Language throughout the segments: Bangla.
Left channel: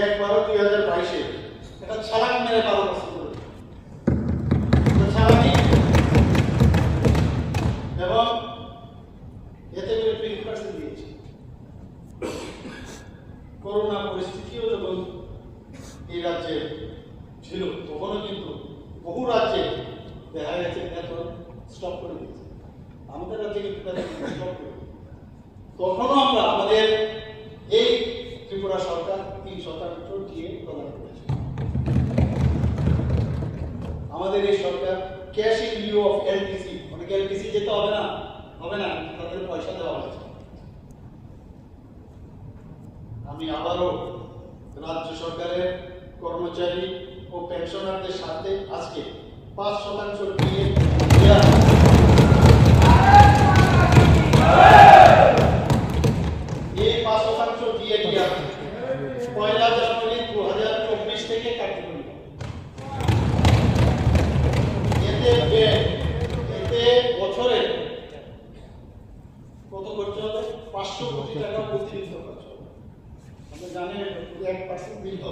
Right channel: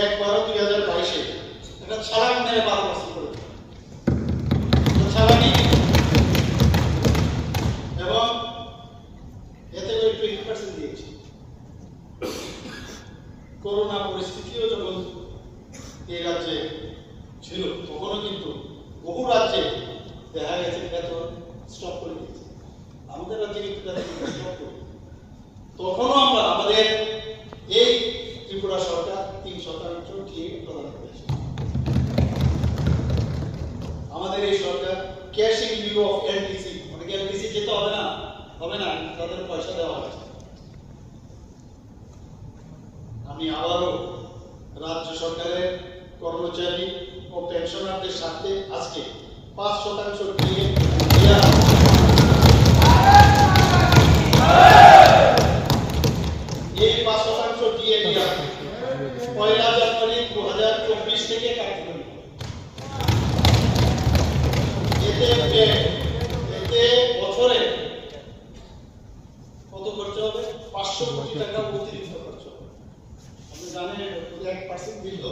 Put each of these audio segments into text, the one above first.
এক বারো দুই হাজার বাইশে। একটা ছাড়ান মেরে বারো এবং এতে করোনা এই রাজ্যে ছিল, তখনও কিন্তু বহু রাজ্যে দেখা গেছে করে তখনও আমরা এই সরকার cash in lieu of LTC অনেকে এলটিসি যেতে হবে না? হবে না তাদের পয়সা দেওয়া হয়েছে। আমি আবারও রাজ্য সরকারের কর্মচারী ও পেনশনারদের সাথে আজকে পাঁচ শতাংশ এই পাঁচ শতাংশ দিয়ে পয়লা জানুয়ারি দু হাজার চব্বিশ থেকে কার্যকরী হবে। এতে ব্যয়, এতে বছরে কত খরচ হবে পাঁচশো কোটি টাকা অতিরিক্ত খরচ হবে আপনি জানেন এক পার্সেন্ট বিল একশো পাঁচ দিয়ে দিয়েছি সব খাইবেন না।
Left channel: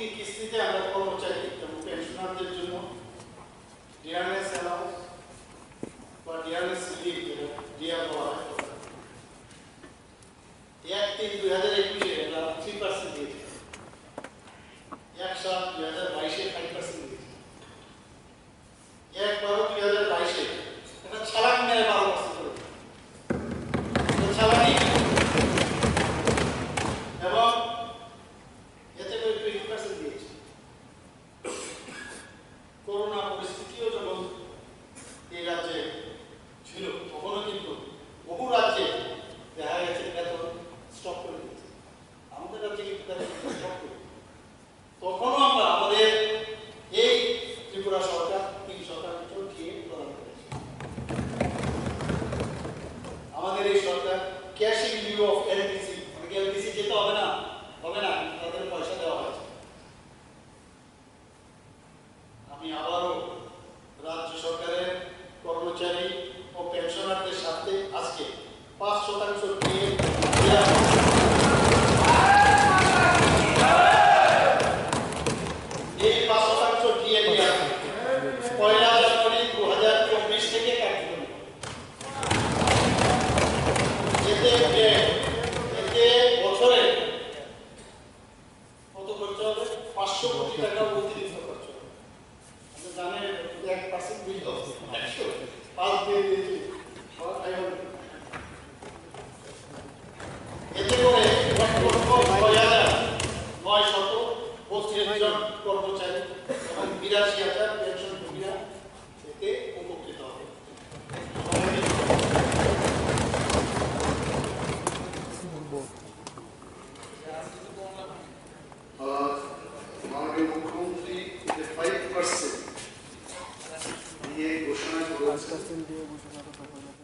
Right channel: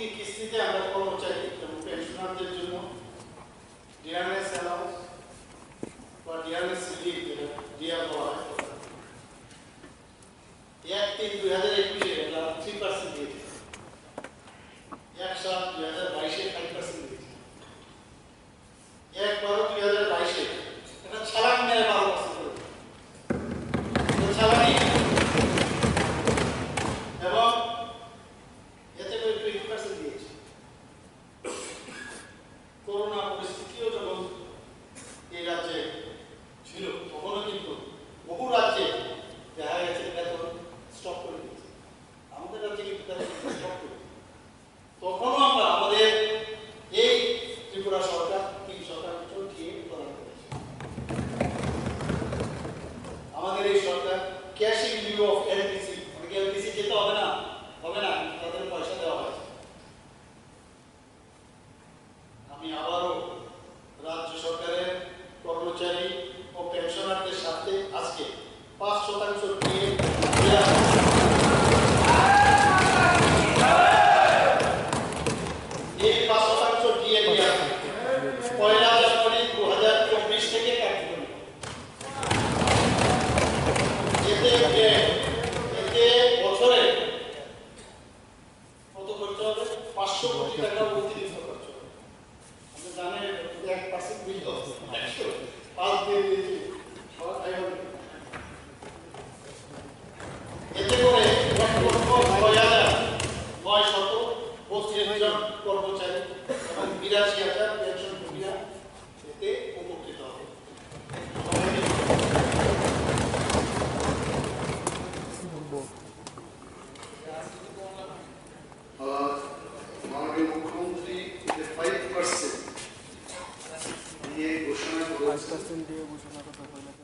মোট তিন কিস্তিতে আমরা কর্মচারী এবং পেনশনারদের জন্য ডিআরএস অ্যালাউন্স বা ডিআরএস রিলিফ যেটা ডিআর বলা হয় এক তিন দুই হাজার একুশে আমরা থ্রি পার্সেন্ট দিয়েছি এক সাত দুই হাজার বাইশে ফাইভ পার্সেন্ট দিয়েছি এক বারো দুই হাজার বাইশে একটা ছাড়ান মেরে বারো পার্সেন্ট করে একটা ছাড়ানি এবং এতে করে টোয়েন্টি পার্সেন্ট দিয়েছি করোনা পরিস্থিতিও যখন এই রাজ্যে ছিল তখনও কিন্তু বহু রাজ্যে দেখা গেছে বেতন স্টপ করে দিয়েছে আমাদের রাজ্যে কিন্তু বেতন স্টপ করে দিয়েছে। তখনও আমরা আমাদের এই ত্রিপুরা সরকার তিন শতাংশ দিয়ে প্রদান করেছে আমাদের ক্যাশ ইন অফ এলটিসি অনেকে এলটিসি যেতে হবে না? হবে না, তাদের পয়সা দেওয়া হয়েছে। আমি আবারও রাজ্য সরকারের কর্মচারী ও পেনশনারদের সাথে আজকে পাঁচ শতাংশ দিয়ে দেয়া এই পাঁচ শতাংশ দিয়ে দেওয়া পয়লা জানুয়ারি দু হাজার চব্বিশ থেকে কার্যকরী হবে। এতে ব্যয়, এতে বছরে কত খরচ হবে পাঁচশো কোটি টাকা অতিরিক্ত খরচ কর্মচারী এবং বিরাশি পেনশনভোগীরা এতে উপকৃত হবে সবাই মিলে আহ, মাননীয় মুখ্যমন্ত্রী ফাইভ পার্সেন্ট নিয়ে ঘোষণা করেছেন